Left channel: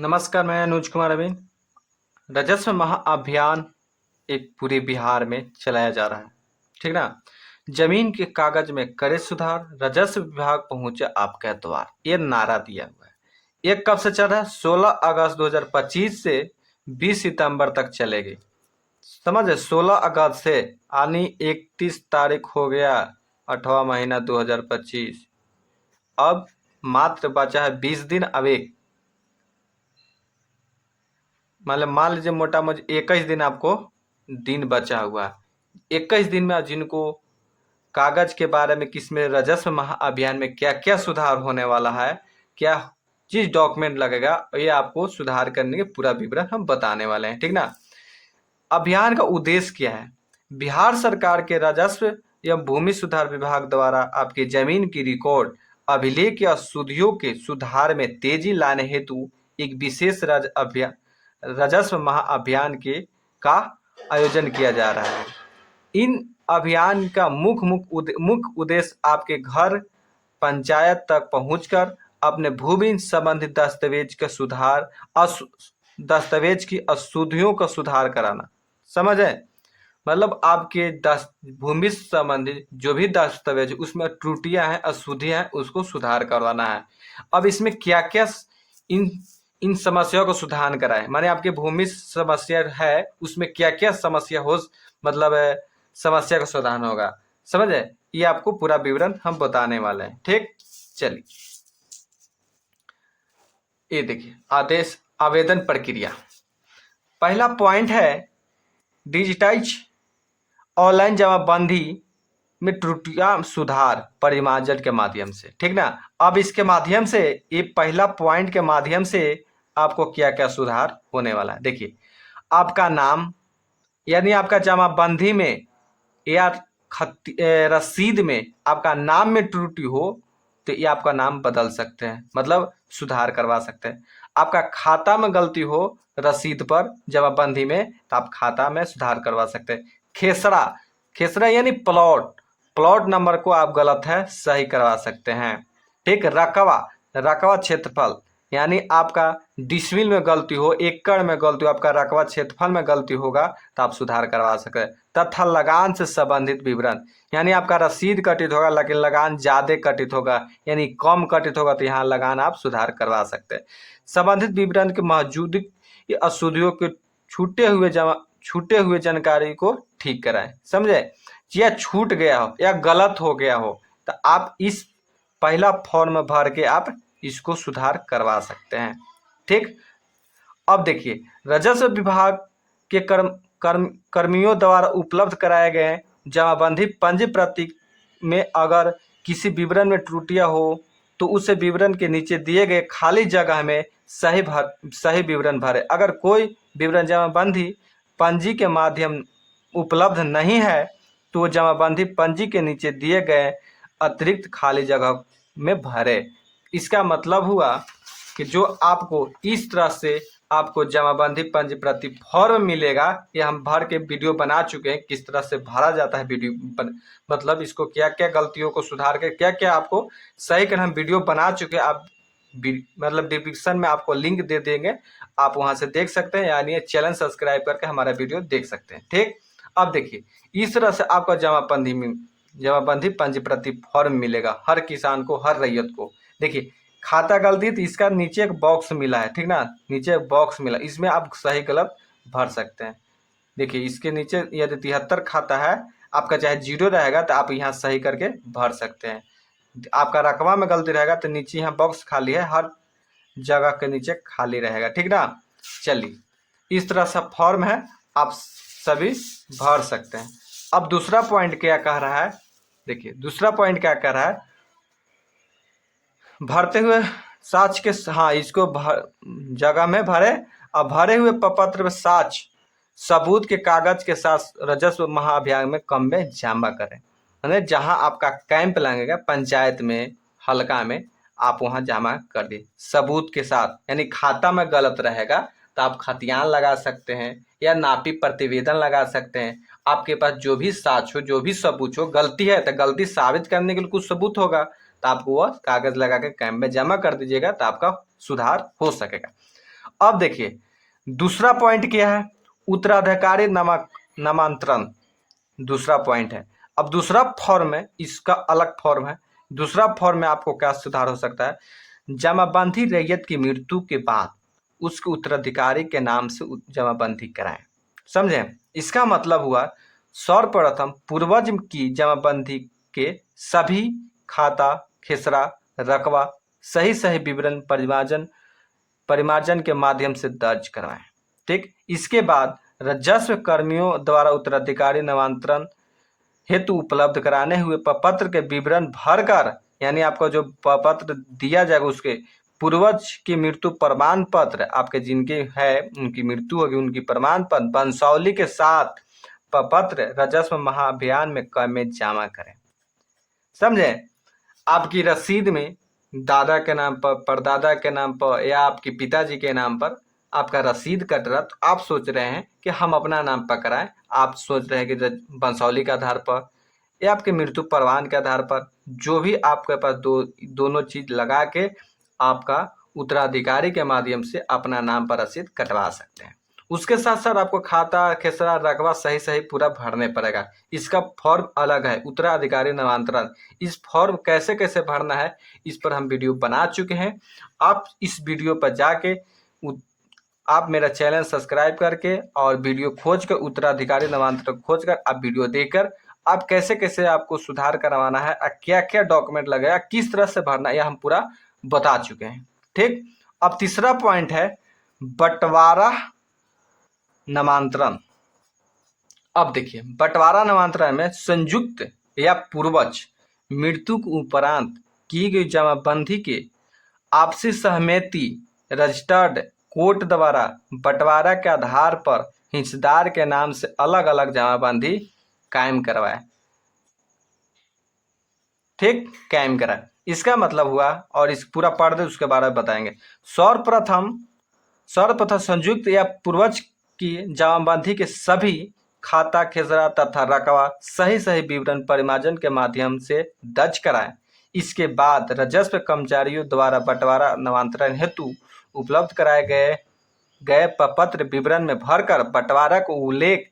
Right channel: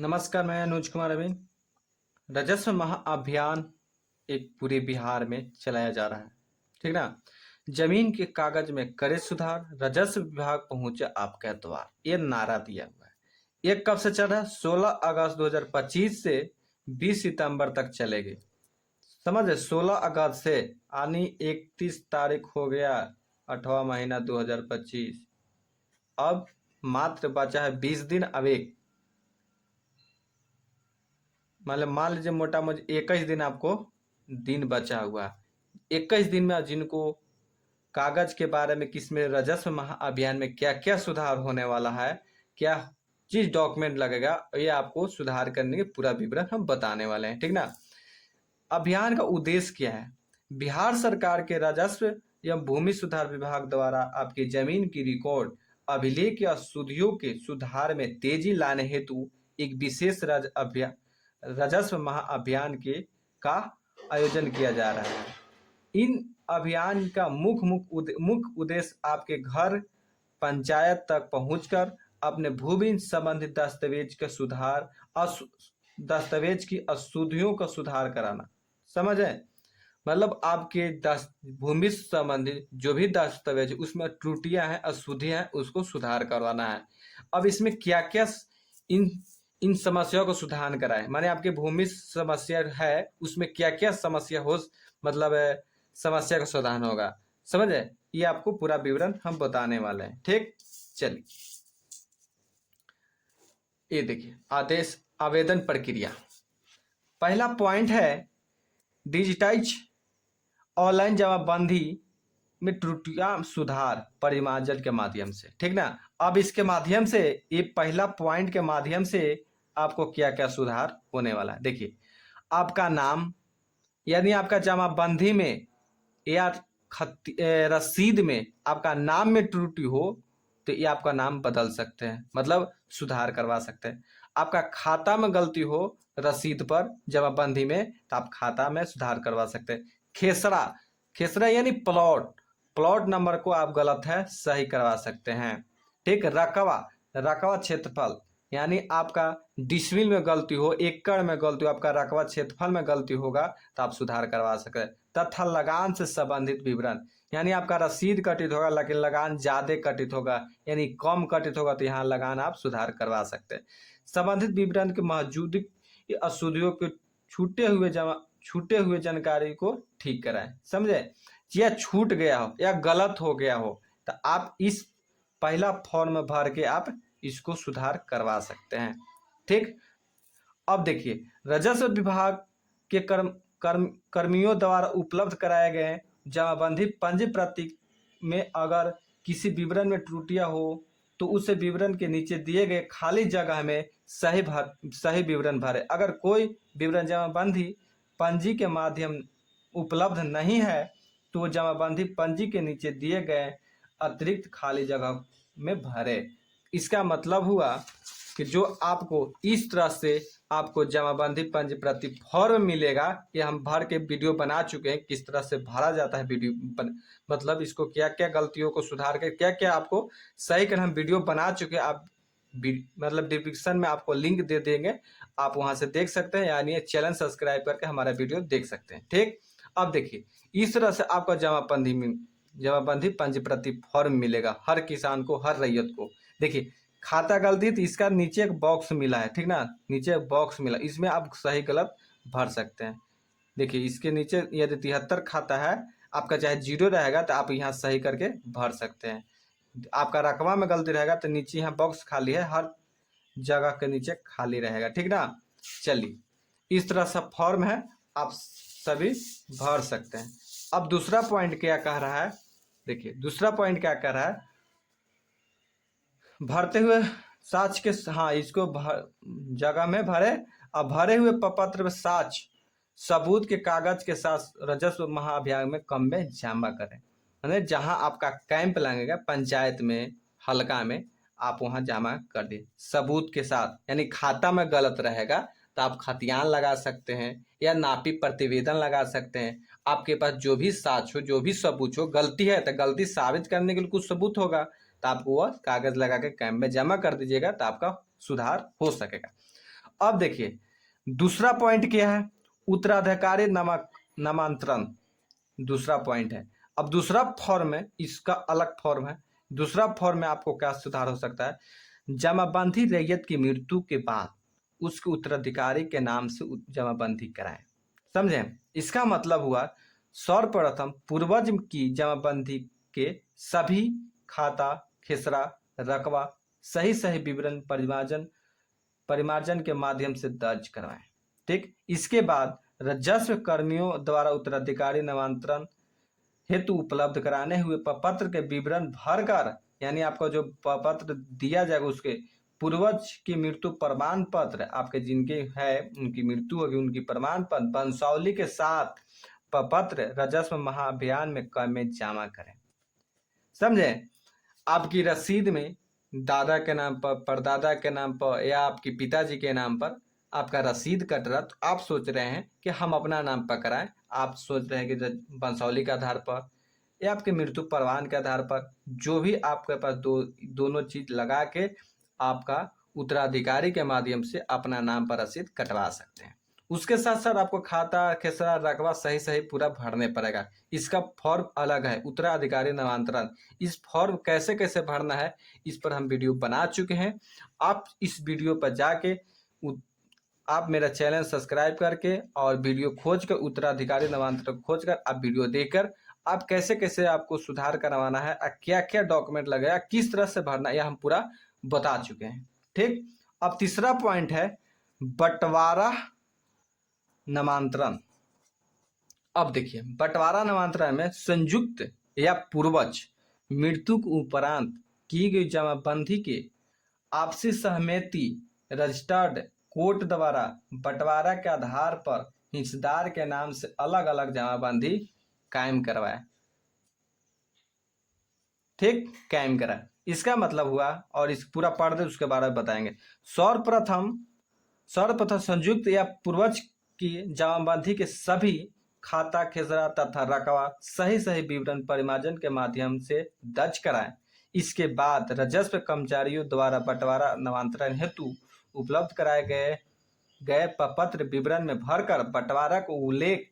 नमस्कार, मैं अनुज कुमार अभी। राजस्व महाअभियान एक पूरे बिहार में चलाया जा रहा है, ठीक ना। जमीन के कागज में करे सुधार, राजस्व विभाग पहुंचे आपके द्वार, ये नारा दिया हुआ है। ये कब से चल रहा है? 16 अगस्त 2025 से 20 सितंबर तक चलेगी। समझे? 16 अगस्त से यानी 31 तारीख हो गया, 8वां महीना 2025। अब मात्र बचा है 20 दिन। अभी मतलब मान लीजिए मोटा मोटी 21 दिन आपको दिन बचा हुआ है। 21 दिन में जिनको कागज के बारे में किसमें राजस्व महाअभियान में क्या क्या सुधार होने वाला है, क्या चीज डॉक्यूमेंट लगेगा, ये आपको सुधार करने के पूरा विवरण हम बताने वाले हैं, ठीक ना। अभियान का उद्देश्य क्या है? बिहार सरकार के राजस्व एवं भूमि सुधार विभाग द्वारा आपकी जमीन की रिकॉर्ड अभिलेख या सुधियों के सुधार में तेजी लाने हेतु एक विशेष राजस्व महाअभियान के का आयोजन किया जा रहा है। इन अभियान का मुख्य उद्देश्य आपके घर पंचायत तक पहुंचकर अपने भूमि संबंधित दस्तावेज का सुधार, दस्तावेज की अशुद्धियों का सुधार कराना। समझे? मतलब आपके भूमि संबंधित जो भी दस्तावेज उसमें त्रुटियां हैं, अशुद्धियां हैं, उसको सुधार करवाना है। अब इसमें क्या क्या इन इन समस्याओं को सुधार कराए, माने आपकी भूमि समस्या है उसमें क्या क्या समस्या हो, मतलब समस्या का समाधान होगा। समझे? ये आपको पूरा विवरण हम बताने वाले हैं, ठीक। चलिए, ये देखिए आदेश आवेदन प्रक्रिया। पहला पॉइंट है डिजिटाइज ऑनलाइन जमाबंदी में त्रुटियां सुधार परिमार्जन के माध्यम से, ठीक ना। अब इसके माध्यम से, ये पहला पॉइंट के माध्यम से आपको क्या क्या सुधार होने वाला है। देखिए, आपका नाम यानी आपका जमाबंदी में या रसीद में आपका नाम में त्रुटि हो तो ये आपका नाम बदल सकते हैं, मतलब सुधार करवा सकते हैं। आपका खाता में गलती हो रसीद पर जमाबंदी में तो आप खाता में सुधार करवा सकते हैं। खेसरा खेसरा यानी प्लॉट नंबर को आप गलत है सही करवा सकते हैं, ठीक। रकबा रकबा क्षेत्रफल यानी आपका डिसमिल में गलती हो, एकड़ में गलती हो, आपका रकबा क्षेत्रफल में गलती होगा तो आप सुधार करवा सकते हैं। तथा लगान से संबंधित विवरण यानी आपका रसीद कटित होगा लेकिन लगान ज्यादा कटित होगा, यानी कम कटित होगा तो यहाँ लगान आप सुधार करवा सकते हैं। संबंधित विवरण के मौजूद अशुद्धियों के छूटे हुए जानकारी को ठीक कराएं। समझे? या छूट गया हो या गलत हो गया हो तो आप इस पहला फॉर्म भर के आप इसको सुधार करवा सकते हैं, ठीक। अब देखिए, राजस्व विभाग के कर्मियों द्वारा उपलब्ध कराए गए जमाबंदी पंजी प्रति में अगर किसी विवरण में त्रुटियां हो तो उस विवरण के नीचे दिए गए खाली जगह में सही विवरण भरे। अगर कोई विवरण जमाबंदी पंजी के माध्यम उपलब्ध नहीं है तो जमाबंदी पंजी के नीचे दिए गए अतिरिक्त खाली जगह में भरे। इसका मतलब हुआ कि जो आपको इस तरह से आपको जमाबंदी पंजी प्रति फॉर्म मिलेगा, ये हम भर के वीडियो बना चुके हैं किस तरह से भरा जाता है वीडियो मतलब इसको क्या क्या गलतियों को सुधार के क्या क्या आपको सही कर हम वीडियो बना चुके हैं। आप मतलब डिस्क्रिप्शन में आपको लिंक दे देंगे, आप वहां से देख सकते हैं, यानी ये चैनल सब्सक्राइब करके हमारा वीडियो देख सकते हैं, ठीक। अब देखिए, इस तरह से आपका जमाबंदी पंजी प्रति फॉर्म मिलेगा हर किसान को, हर रैयत को। देखिए, खाता गलती तो इसका नीचे एक बॉक्स मिला है, ठीक ना, नीचे एक बॉक्स मिला, इसमें आप सही गलत भर सकते हैं। देखिए, इसके नीचे यदि 73 खाता है आपका, चाहे 0 रहेगा तो आप यहाँ सही करके भर सकते हैं। आपका रकबा में गलती रहेगा तो नीचे यहाँ बॉक्स खाली है, हर जगह के नीचे खाली रहेगा, ठीक ना। चलिए, इस तरह सा फॉर्म है, आप सभी भर सकते हैं। अब दूसरा पॉइंट क्या कह रहा है? देखिए, दूसरा पॉइंट क्या कह रहा है, भरते हुए साक्ष्य के, हाँ, इसको जगह में भरे और भरे हुए प्रपत्र में साक्ष्य सबूत के कागज के साथ राजस्व महाअभियान में कम में जमा करें। यानी जहां आपका कैंप लगेगा पंचायत में, हल्का में, आप वहां जमा कर दे सबूत के साथ। यानी खाता में गलत रहेगा तो आप खतियान लगा सकते हैं या नापी प्रतिवेदन लगा सकते हैं। आपके पास जो भी साक्ष्य हो, जो भी सबूत हो, गलती है तो गलती साबित करने के लिए कुछ सबूत होगा तो आपको वह कागज लगा के कैंप में जमा कर दीजिएगा तो आपका सुधार हो सकेगा। अब देखिए दूसरा पॉइंट क्या है, उत्तराधिकारी नामांतरण दूसरा पॉइंट है। अब दूसरा फॉर्म है, इसका अलग फॉर्म है। दूसरा फॉर्म में आपको क्या सुधार हो सकता है, जमाबंदी रैयत की मृत्यु के बाद उसके उत्तराधिकारी के नाम से जमाबंदी कराएं। समझे, इसका मतलब हुआ सर्वप्रथम पूर्वज की जमाबंदी के सभी खाता, खेसरा, रकबा सही सही विवरण परिमार्जन के माध्यम से दर्ज करवाएं। ठीक, इसके बाद राजस्व कर्मियों द्वारा उत्तराधिकारी नामांतरण हेतु उपलब्ध कराने हुए प्रपत्र के विवरण भरकर, यानी आपको जो प्रपत्र दिया जाएगा उसके पूर्वज की मृत्यु प्रमाण पत्र, आपके जिनके है उनकी मृत्यु होगी उनकी प्रमाण पत्र वंशावली के साथ प्रपत्र राजस्व महाअभियान में जमा करें। समझे, आपकी रसीद में दादा के नाम पर, परदादा के नाम पर या आपके पिताजी के नाम पर आपका रसीद कट रहा, तो आप सोच रहे हैं कि हम अपना नाम पर कराएं, आप सोच रहे हैं कि वंशावली के आधार पर या आपके मृत्यु प्रमाण के आधार पर, जो भी आपके पास दोनों चीज लगा के आपका उत्तराधिकारी के माध्यम से अपना नाम पर रसीद कटवा सकते हैं। उसके साथ साथ आपको खाता, खेसरा, रकबा सही सही पूरा भरने पड़ेगा। इसका फॉर्म अलग है, उत्तराधिकारी नामांतरण। इस फॉर्म कैसे कैसे भरना है इस पर हम वीडियो बना चुके हैं। आप इस वीडियो पर जाके आप मेरा चैनल सब्सक्राइब करके और वीडियो खोज कर उत्तराधिकारी नामांतरण खोज कर आप वीडियो देकर आप कैसे कैसे आपको सुधार करवाना है, क्या क्या डॉक्यूमेंट लगेगा, किस तरह से भरना है, यह हम पूरा बता चुके हैं। ठीक, अब तीसरा पॉइंट है बंटवारा नामांतरण। अब देखिए बंटवारा नामांतरण में संयुक्त या पूर्वज मृत्यु के उपरांत की गई जमाबंदी के आपसी सहमति रजिस्टर्ड कोर्ट द्वारा बंटवारा के आधार पर हिस्सेदार के नाम से अलग अलग जमाबंदी कायम करवाए। ठीक, कायम कराए, इसका मतलब हुआ, और इस पूरा पढ़ दे उसके बारे में बताएंगे। सर्वप्रथम संयुक्त या पूर्वज की जमाबंदी के सभी खाता, खेसरा तथा रकबा सही सही विवरण परिमार्जन के माध्यम से दर्ज कराएं। इसके बाद राजस्व कर्मचारियों द्वारा बंटवारा नामांतरण हेतु उपलब्ध कराए गए प्रपत्र विवरण में भरकर बंटवारा को उल्लेख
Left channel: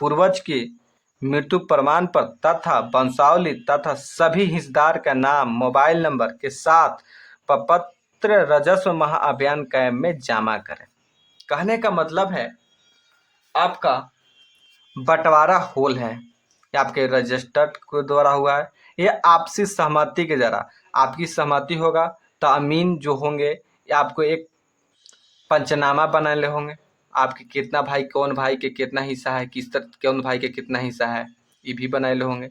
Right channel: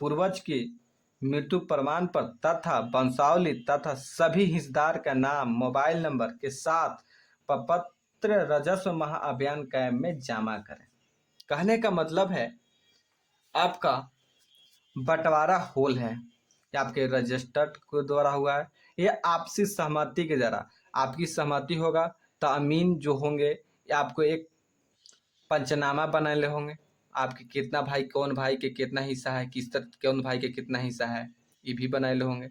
पूर्वज की मृत्यु प्रमाण पत्र तथा वंशावली तथा सभी हिस्सेदार का नाम, मोबाइल नंबर के साथ प्रपत्र राजस्व महाअभियान कैंप में जमा करें। कहने का मतलब है आपका बंटवारा होल है, आपके रजिस्टर्ड के द्वारा हुआ है, ये आपसी सहमति के द्वारा, आपकी सहमति होगा तो अमीन जो होंगे आपको एक पंचनामा बनाने होंगे, आपके कितना भाई, कौन भाई के कितना हिस्सा है, किस तरह कौन भाई के कितना हिस्सा है, ये भी बनाए होंगे।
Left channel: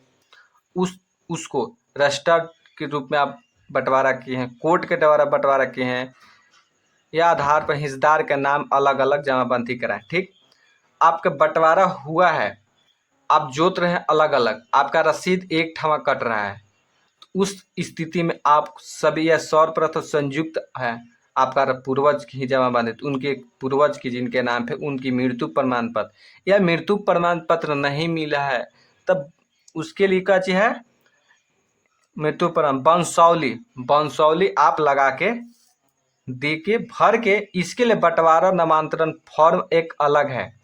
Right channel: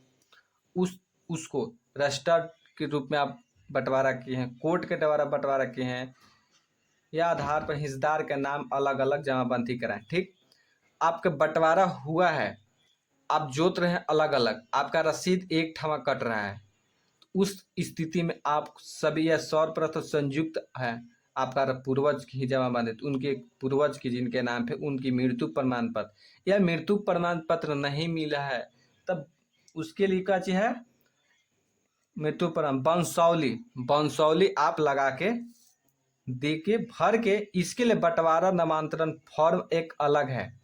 उसको रजिस्टर्ड के रूप में आप बंटवारा किए हैं, कोर्ट के द्वारा बंटवारा किए हैं, या आधार पर हिस्सेदार का नाम अलग अलग जमाबंदी कराएं। ठीक, आपका बंटवारा हुआ है, आप जोत रहे हैं अलग अलग, आपका रसीद एक ठमा कट रहा है, तो उस स्थिति में आप सभी, यह सर्वप्रथम संयुक्त है, आपका पूर्वज की जमाबंदी, तो उनके पूर्वज की जिनके नाम पे उनकी मृत्यु प्रमाण पत्र, या मृत्यु प्रमाण पत्र नहीं मिला है तब उसके लिए क्या चीज है, मृत्यु प्रमाण वंशावली आप लगा के दे के भर के, इसके लिए बंटवारा नामांतरण फॉर्म एक अलग है।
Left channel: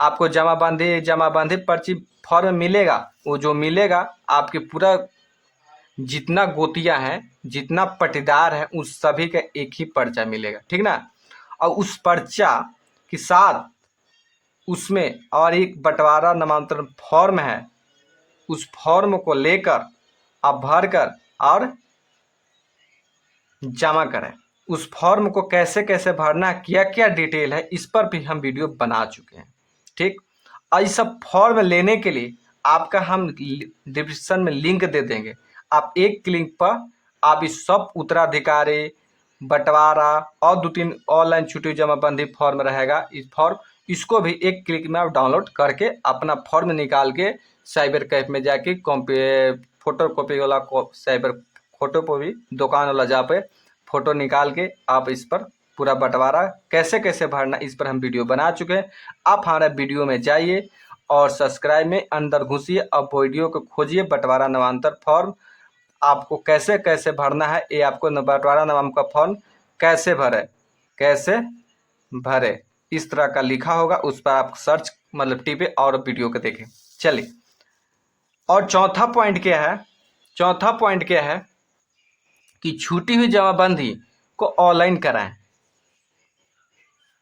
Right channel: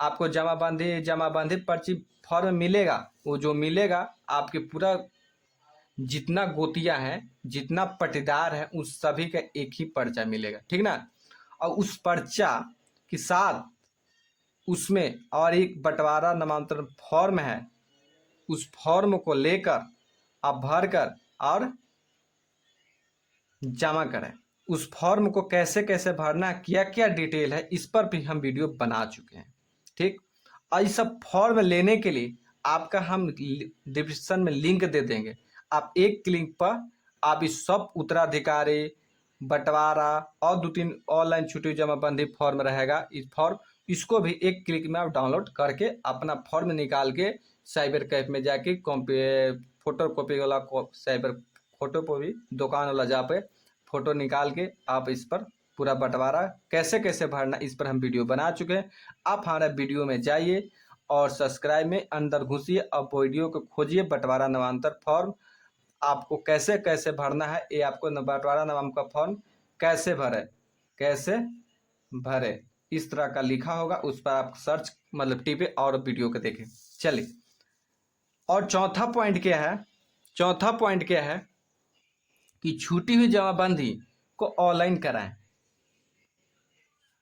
आपको जमाबंदी पर्ची फॉर्म मिलेगा, वो जो मिलेगा आपके पूरा जितना गोतिया है, जितना पट्टीदार है, उस सभी का एक ही पर्चा मिलेगा। ठीक ना, और उस पर्चा के साथ उसमें और एक बंटवारा नामांतरण फॉर्म है, उस फॉर्म को लेकर आप भर कर और जमा करें। उस फॉर्म को कैसे कैसे भरना, क्या क्या डिटेल है, इस पर भी हम वीडियो बना चुके हैं। ठीक, और इस सब फॉर्म लेने के लिए आपका हम डिस्क्रिप्शन में लिंक दे देंगे, आप एक क्लिक पर आप इस सब उत्तराधिकारी, बंटवारा और 2-3 ऑनलाइन छुट्टी जमाबंदी फॉर्म रहेगा, इस फॉर्म इसको भी एक क्लिक में आप डाउनलोड करके अपना फॉर्म निकाल के साइबर कैफ में जाके फोटो कॉपी वाला साइबर फोटो पर भी दुकान वाला जहाँ पे फोटो निकाल के आप इस पर पूरा बंटवारा कैसे कैसे भरना, इस पर हम वीडियो बना चुके हैं। आप हमारे वीडियो में जाइए और सब्सक्राइब में अंदर घुसिए, अब वीडियो को खोजिए बंटवारा नामांतरण फॉर्म आपको कैसे कैसे भरना है, ये आपको बंटवारा नाम का फॉर्म कैसे भरे, कैसे भरे, इस तरह का लिखा होगा, उस पर आप सर्च मतलब टिपे और वीडियो को देखें। चलिए, और चौथा पॉइंट क्या है, चौथा पॉइंट क्या है कि छूटी हुई जमाबंदी को ऑनलाइन कराएं।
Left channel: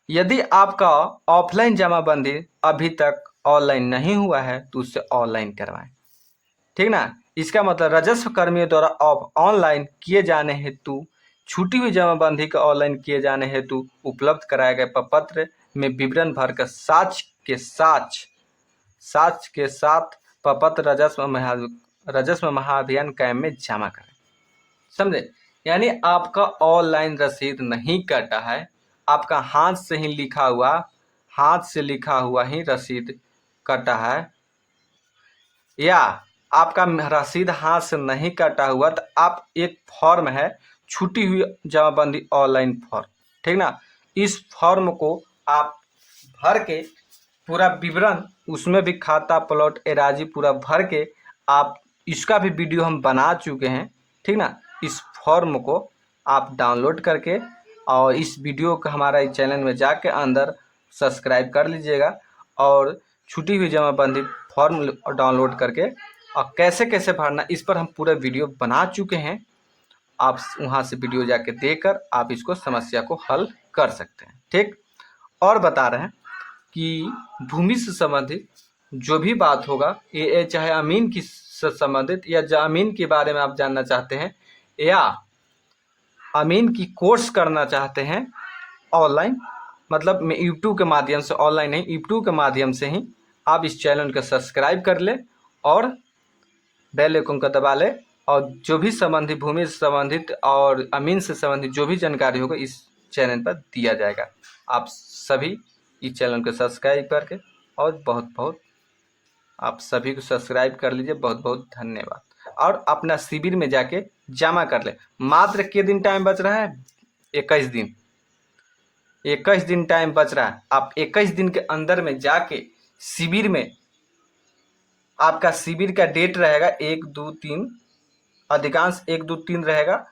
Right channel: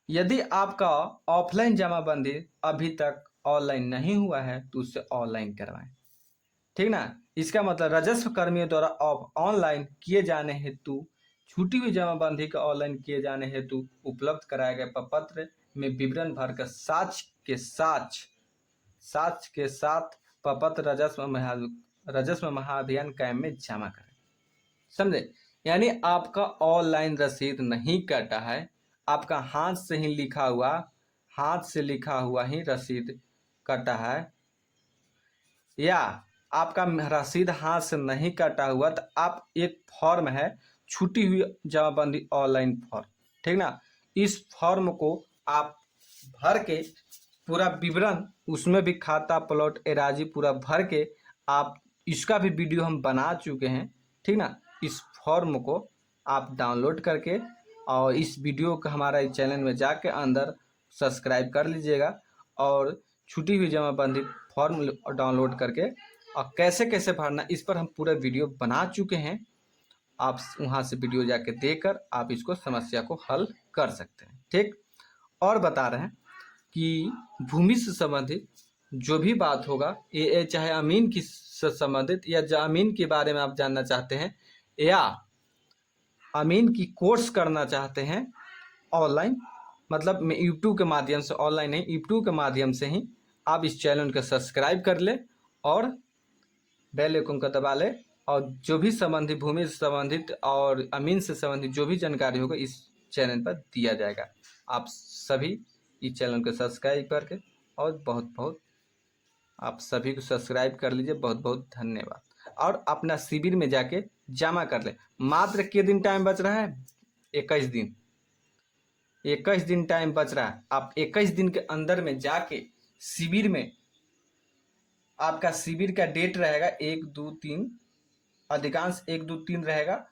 यदि आपका ऑफलाइन जमाबंदी अभी तक ऑनलाइन नहीं हुआ है तो उससे ऑनलाइन करवाएं, ठीक ना। इसका मतलब राजस्व कर्मियों द्वारा ऑनलाइन किए जाने हेतु छूटी हुई जमाबंदी का ऑनलाइन किए जाने हेतु उपलब्ध कराए गए प्रपत्र में विवरण भरकर साक्ष्य के साथ प्रपत्र राजस्व महाअभियान कैम्प में जमा करें। समझे, यानी आपका ऑनलाइन रसीद नहीं कटा है, आपका हाथ से लिखा हुआ ही रसीद कटा है, या आपका रसीद हाथ से नहीं कटा हुआ तो आप एक फॉर्म है छूटी हुई जमाबंदी ऑनलाइन फॉर्म, ठीक ना। इस फॉर्म को आप भर के पूरा विवरण, उसमें भी खाता प्लॉट एराजी पूरा भर के, आप इसका भी वीडियो हम बना चुके हैं, ठीक ना। इस फॉर्म को आप डाउनलोड करके और इस वीडियो को हमारा इस चैनल में जाके अंदर सब्सक्राइब कर लीजिएगा और छूटी हुई जमाबंदी फॉर्म डाउनलोड करके और कैसे कैसे भरना, इस पर हम पूरा वीडियो बना चुके हैं। आप वहाँ से वीडियो जाके देखकर आप इसको समस्या को हल कर सकते हैं, ठीक। और बता रहे हैं कि भूमि से संबंधित जो भी बात होगा, ये चाहे अमीन की से संबंधित या जमीन के बारे में आप जानना चाहते हैं या अमीन की कोर्स करना चाहते हैं ऑनलाइन, मतलब मैं यूट्यूब के माध्यम से, ऑनलाइन नहीं यूट्यूब के माध्यम से ही आप इस चैनल को सब्सक्राइब कर ले और बेल आइकन को दबा ले, और जो भी संबंधित भूमि से संबंधित और अमीन से संबंधित जो भी जानकारी होगा इस चैनल पर दिया जाएगा। आप सभी इस चैनल को सब्सक्राइब करके, और बहुत बहुत आप सभी को सब्सक्राइब कर लीजिए। बहुत बहुत धन्यवाद। और अपना शिविर में जाके जमा कर ले। मात्र कितने दिन टाइम बच रहा है? 21 दिन। 21 दिन टाइम बच रहा है। आप 21 दिन के अंदर में जाके शिविर में, आपका शिविर का डेट रहेगा 1, 2, 3, अधिकांश 1, 2, 3 रहेगा,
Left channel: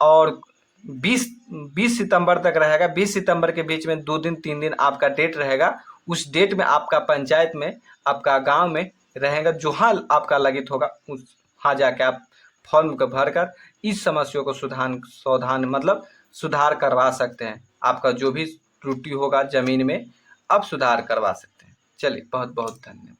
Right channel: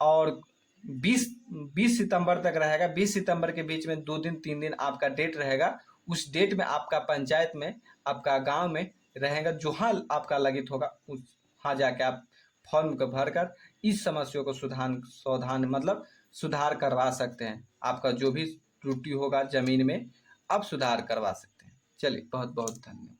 और 20 सितंबर तक रहेगा। 20 सितंबर के बीच में 2 दिन 3 दिन आपका डेट रहेगा। उस डेट में आपका पंचायत में, आपका गांव में रहेगा, जहाँ आपका लगित होगा वहाँ जाके आप फॉर्म को भरकर इस समस्या को सुधार करवा सकते हैं। आपका जो भी त्रुटि होगा जमीन में, आप सुधार करवा सकते हैं। चलिए, बहुत बहुत धन्यवाद।